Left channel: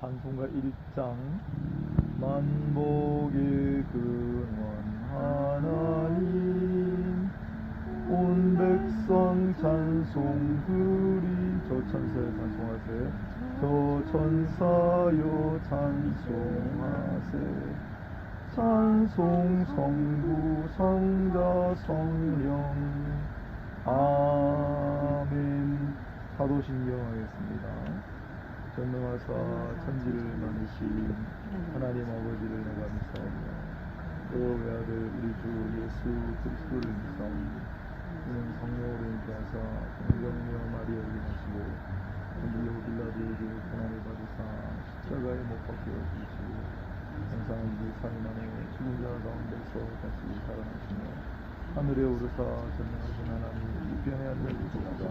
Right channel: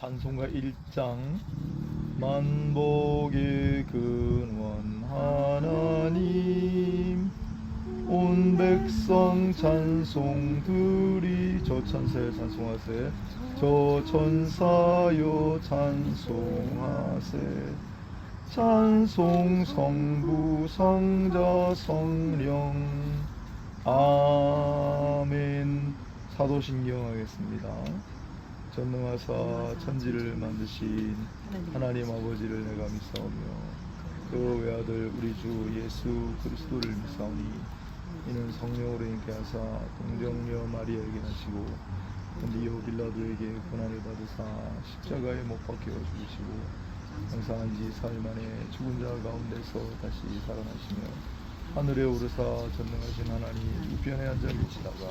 찬송가 1장. 만복의 근원 하나님, 온 백성 찬송 드리. 저 천사여 찬송하세, 저 천사여 찬송하세. 찬송 성부 성자 성령. 아멘. 사도신경 하겠습니다. 전능하사 천지를 만드신 하나님 아버지를 내가 믿사오며 그 외아들 우리 주 예수 그리스도를 믿사오니 이는 성령으로 인케 하사 공정녀 마리아에게 하시고 본디오 빌라도에게 고난을 받으사 십자가에 못 박혀 죽으시고 장사한 지 4일 만에 죽은 자 가운데서 다시 살아나시며 하늘에 오르사 전능하신 하나님 우편에 앉아 계시다가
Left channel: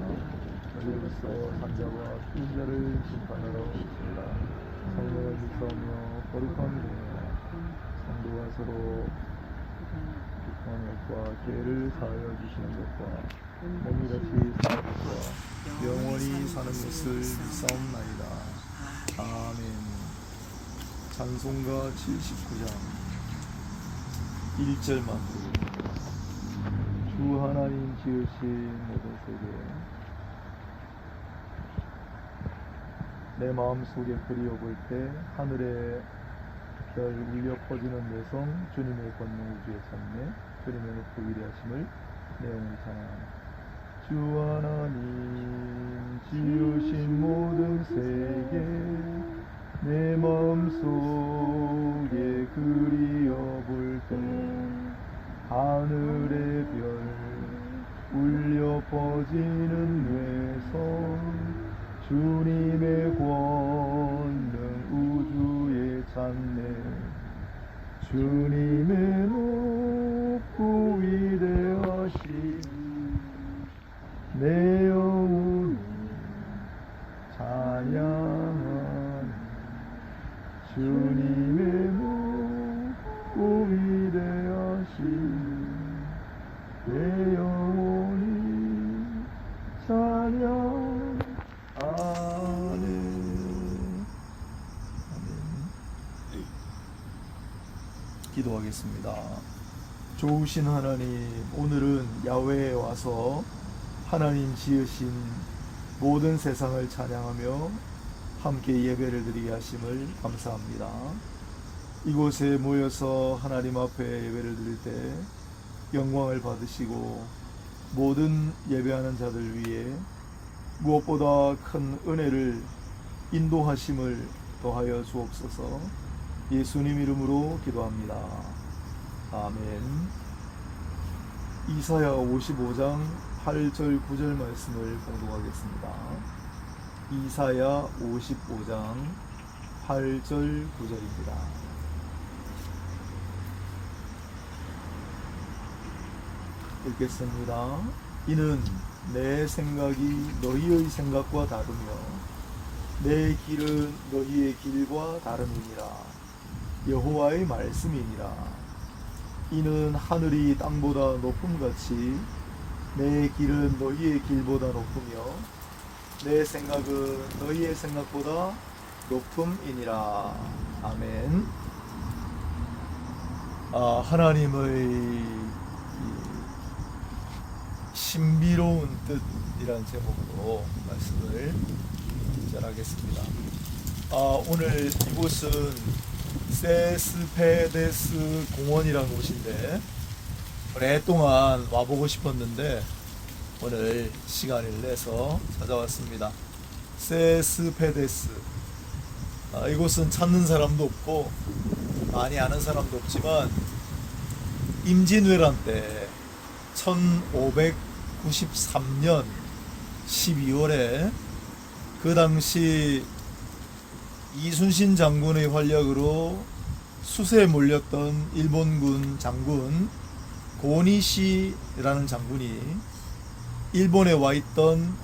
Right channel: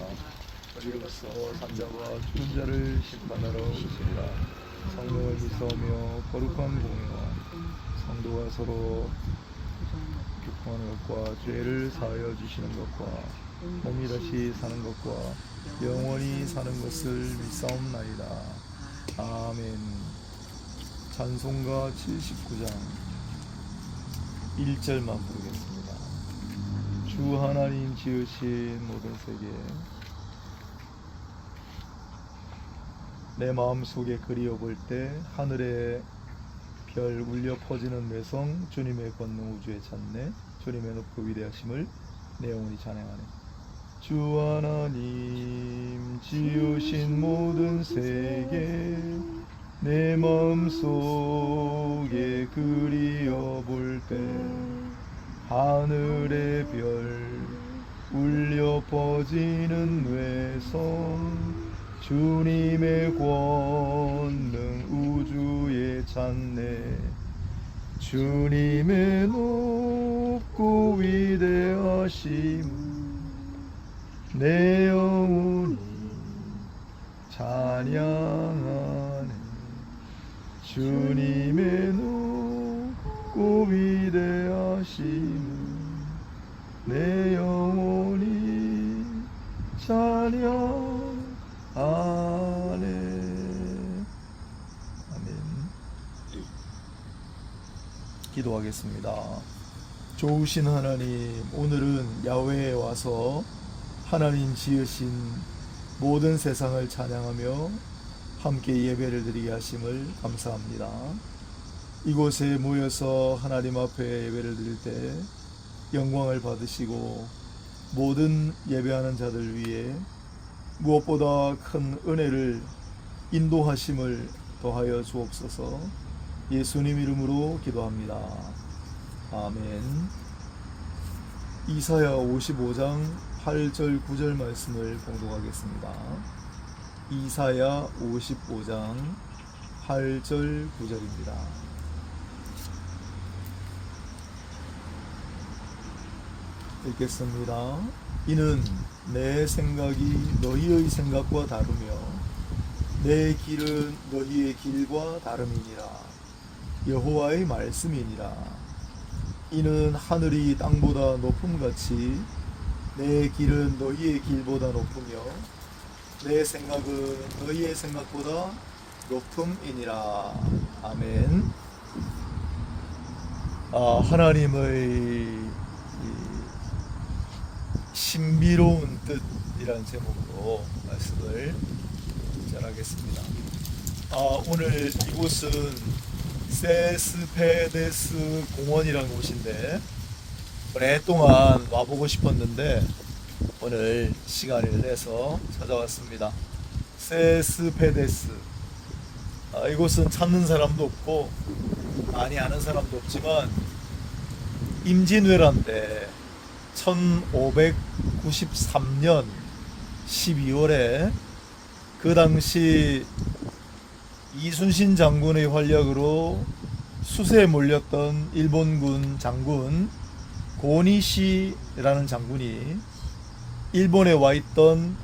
여기로서 산자와 죽은 자를 심판하러 오시리라. 성령을 믿사오며 거룩한 공이다. 성도가 서로 교통하는 것과 죄를 사하여 주시는 것과 몸이 다시 사는 것과 영원히 사는 것을 믿사옵나이다. 아멘. 찬송가 79장 1절만 부르겠습니다. 주 하나님 지으신 모든 세계, 내 마음속에 그리워볼 때 하늘에 별 울려 퍼지는 내성, 주님의 권능 우주에 찾네. 주님의 높고 위대하심을 내 영혼이 찬양하네. 주 하나님 지으신 모든 세계, 내 마음속에 그리워볼 때 하늘의 별 울려 퍼지는 뇌성, 주님의 권능 우주에 찾네. 주님의 높고 위대하심 내 영혼이 찬양하네. 주님의 높고 위대하심 내 영혼이 찬양. 아멘. 아멘. 기도하겠습니다. 좋으신 하나님, 오늘은 야훼에 와서 하나님 지으신 모든 세상을 찬양하며 함께 예배를 드리게 하심을 감사합니다. 이곳에 모여서 하나님 앞에 예배를 드릴 때 영광을 받으시고 모든 예배하는 자들 위해 무엇보다 큰 은혜를 인도하심을 더하여 주옵소서. 예수님 이름으로 기도합니다. 아멘. 이사야 55장 8절 9절 말씀을 봉독하겠습니다. 이사야 55장 8절 9절입니다. 읽겠습니다. 이는 내 생각이 너희의 생각과 다르며 내 길은 너희의 길과 다름이니라. 여호와의 말씀이니라. 이는 하늘이 땅보다 높음같이 내 길은 너희의 길보다 높으며 내 생각은 너희의 생각보다 높음이니라. 아멘. 하나님의 신비로운 뜻이라는 제목으로 말씀을 전하겠습니다. 오늘 이곳은 세스페데스 공원이라는 곳인데 오랫동안 와보고 싶었는데 오늘 시간을 내서 찾아왔습니다. 세스페데스. 이곳은 찾는 사람도 없고 많이 아는 사람도 없지만 임진왜란 때 1593년 12월에 그 당시 이순신 장군의 활약으로 수세에 몰렸던 일본군 장군 고니시라는 장군이 일본에 와 있던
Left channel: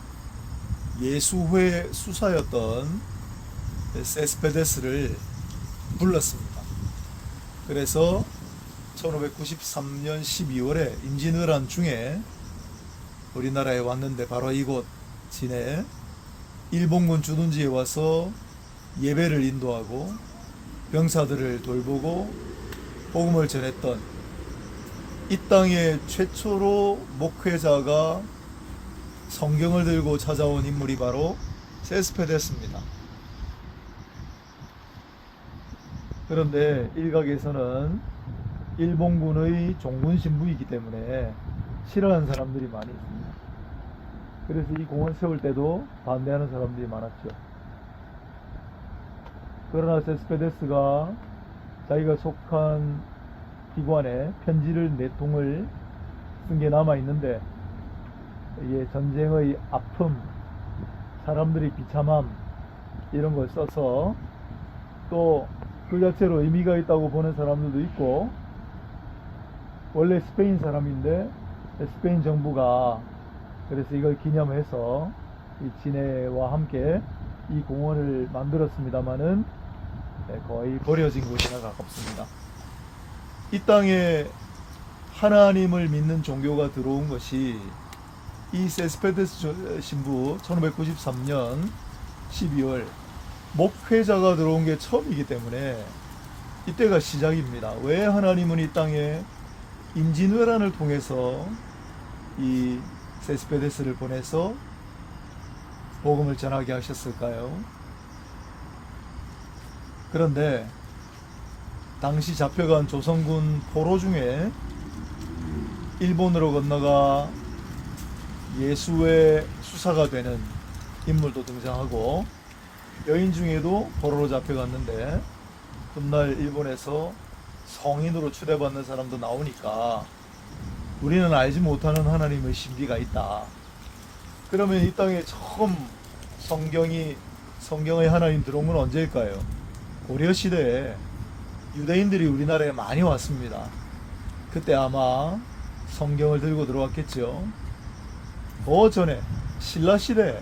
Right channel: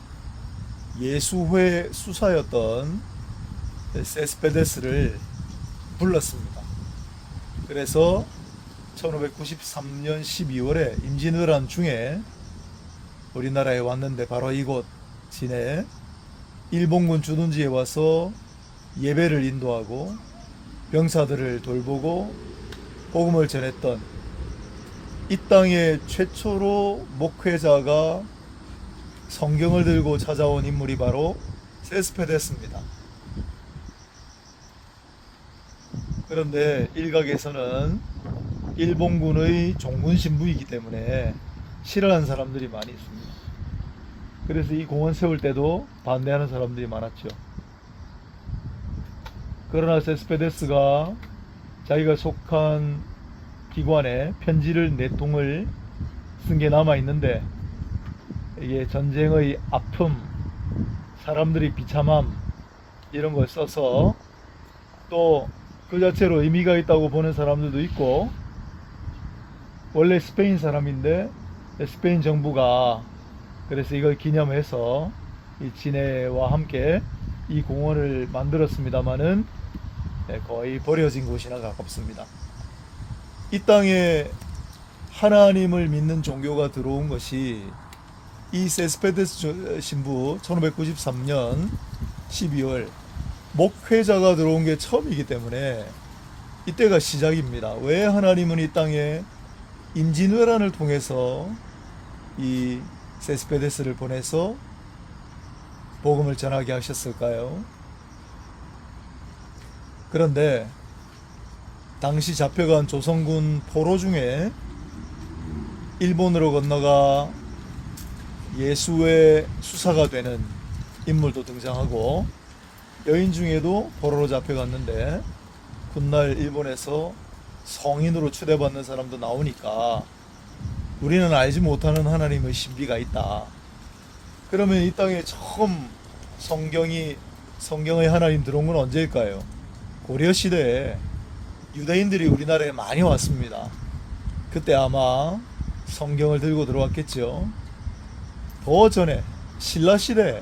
예수회 수사였던 세스페데스를 불렀습니다. 그래서 1593년 12월에 임진왜란 중에 우리나라에 왔는데 바로 이곳 진해 일본군 주둔지에 와서 예배를 인도하고 병사들을 돌보고 복음을 전했던 이 땅의 최초로 목회자가 성경을 들고 찾아온 인물이 바로 세스페데스입니다. 그런데 일각에서는 일본군의 종군 신부이기 때문에 싫어하는 사람들이 많이 있습니다. 그래서 이 공원 세울 때도 반대하는 사람들이 많았죠. 그러나 세스페데스가 자기가 속한 기관에 편지를 4통을 쓴 게 남아 있는데, 이게 전쟁의 아픔, 사람들이 비참함 이런 걸 써서 또 그 자체로 의미가 있다고 보는 사람들도 있고, 원래 스페인 사람인데 스페인 정부가 그래서 이걸 기념해서 이 진해와 함께 이 공원을 만들었습니다마는 거의 버려진 곳이나 가깝습니다. 이 땅에 하나님을 믿는 종교가 들어온 것이 이 세스페데스 신부 1593년 12월 목회자가 들어온 게 처음이기 때문에 이때가 시작입니다. 왜 하나님은 이 땅에 임진왜란을 통해서 이 세스페데스를 보내서 복음을 전하게 하셨을까요? 그런데 당시 잡혀간 조선군 포로 중에 일본으로 건너가 예수의 수사가 되는 인물도 등장하고, 여인 중에도 포로로 잡혀갔는데 훗날 일본에서 성인으로 추대받는 사람도 나오니까 우리는 알지 못하는 하나님의 신비가 있다. 그러면 이 땅에 처음 성경의 하나님 들어온 건 언제일까요? 고려 시대에 유대인들이 우리나라에 많이 왔습니다. 그때 아마 성경을 들고 들어왔겠죠. 더 전에 신라시대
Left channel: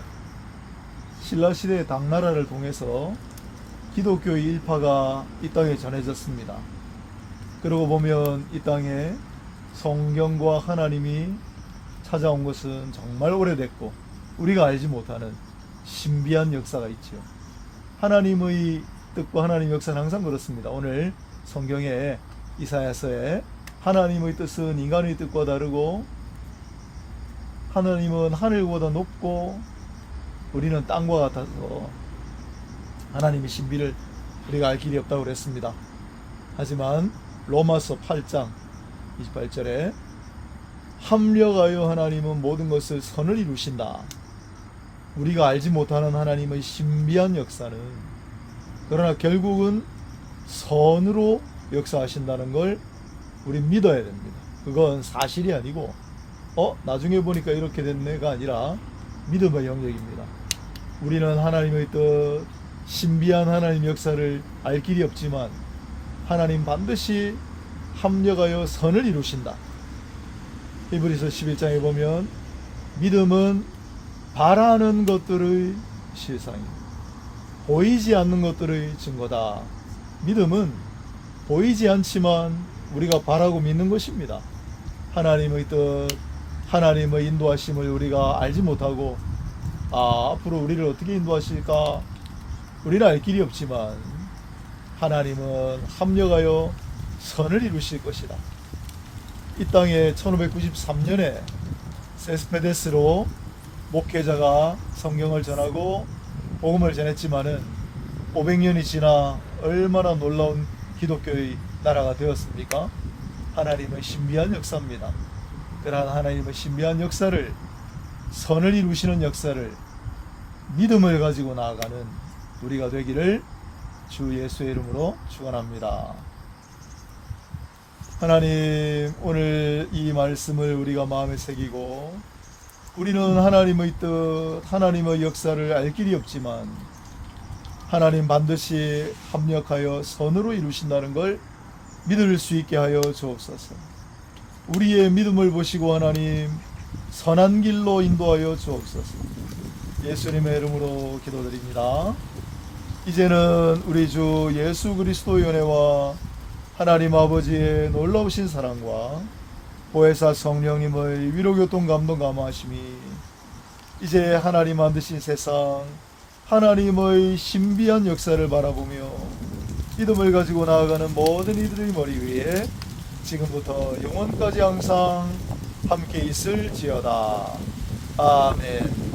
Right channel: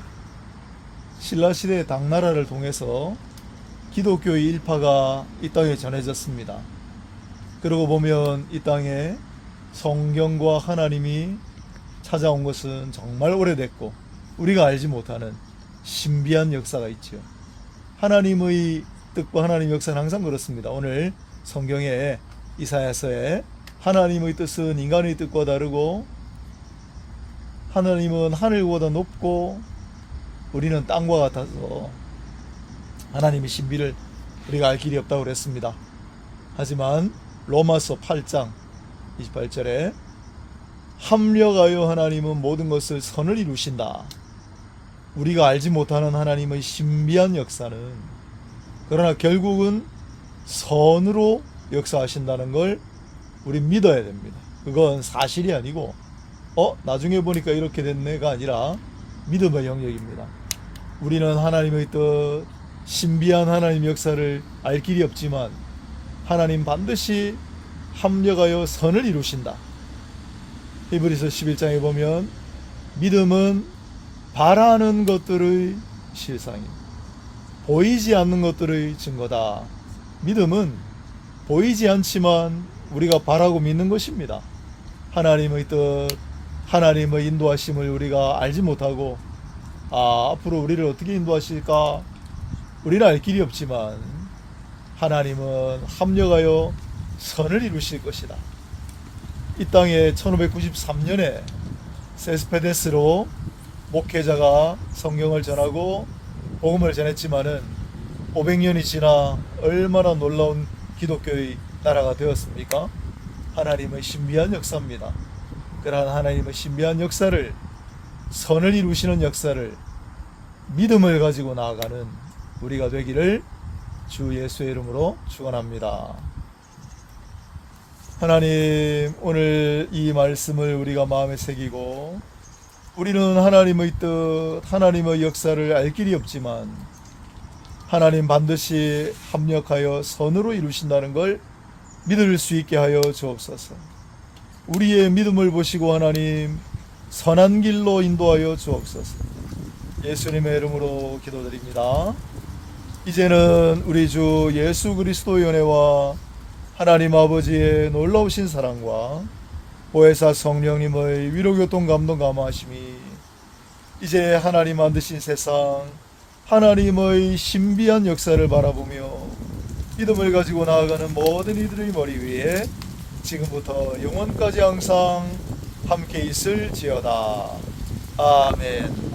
당나라를 통해서 기독교의 일파가 이 땅에 전해졌습니다. 그러고 보면 이 땅에 성경과 하나님이 찾아온 것은 정말 오래됐고 우리가 알지 못하는 신비한 역사가 있죠. 하나님의 뜻과 하나님의 역사는 항상 그렇습니다. 오늘 성경에 이사야서에 하나님의 뜻은 인간의 뜻과 다르고 하나님은 하늘보다 높고 우리는 땅과 같아서 하나님의 신비를 우리가 알 길이 없다고 그랬습니다. 하지만 로마서 8장 28절에 합력하여 하나님은 모든 것을 선을 이루신다. 우리가 알지 못하는 하나님의 신비한 역사는 그러나 결국은 선으로 역사하신다는 걸 우리 믿어야 됩니다. 그건 사실이 아니고 나중에 보니까 이렇게 됐네가 아니라 믿음의 영역입니다. 우리는 하나님의 뜻, 신비한 하나님의 역사를 알 길이 없지만 하나님 반드시 합력하여 선을 이루신다. 히브리서 11장에 보면 믿음은 바라는 것들의 실상이다. 보이지 않는 것들의 증거다. 믿음은 보이지 않지만 우리가 바라고 믿는 것입니다. 하나님의 뜻, 하나님의 인도하심을 우리가 알지 못하고 앞으로 우리를 어떻게 인도하실까 우리는 알 길이 없지만 하나님은 합력하여 선을 이루실 것이다. 이 땅에 1593년에 세스페데스로 목회자가 성경을 전하고 복음을 전했지만은 500년이 지나 얼마나 놀라운 기독교의 나라가 되었습니까? 하나님의 신비한 역사입니다. 그러한 하나님의 신비한 역사를, 선을 이루시는 역사를 믿음을 가지고 나아가는 우리가 되기를 주 예수의 이름으로 축원합니다. 하나님, 오늘 이 말씀을 우리가 마음에 새기고 우리는 하나님의 뜻, 하나님의 역사를 알 길이 없지만 하나님 반드시 합력하여 선으로 이루신다는 걸 믿을 수 있게 하여 주옵소서. 우리의 믿음을 보시고 하나님 선한 길로 인도하여 주옵소서. 예수님의 이름으로 기도드립니다. 이제는 우리 주 예수 그리스도의 은혜와 하나님 아버지의 놀라우신 사랑과 보혜사 성령님의 위로교통 감동 감화하심이 이제 하나님 만드신 세상 하나님의 신비한 역사를 바라보며 믿음을 가지고 나아가는 모든 이들의 머리 위에 지금부터 영원까지 항상 함께 있을지어다. 아멘.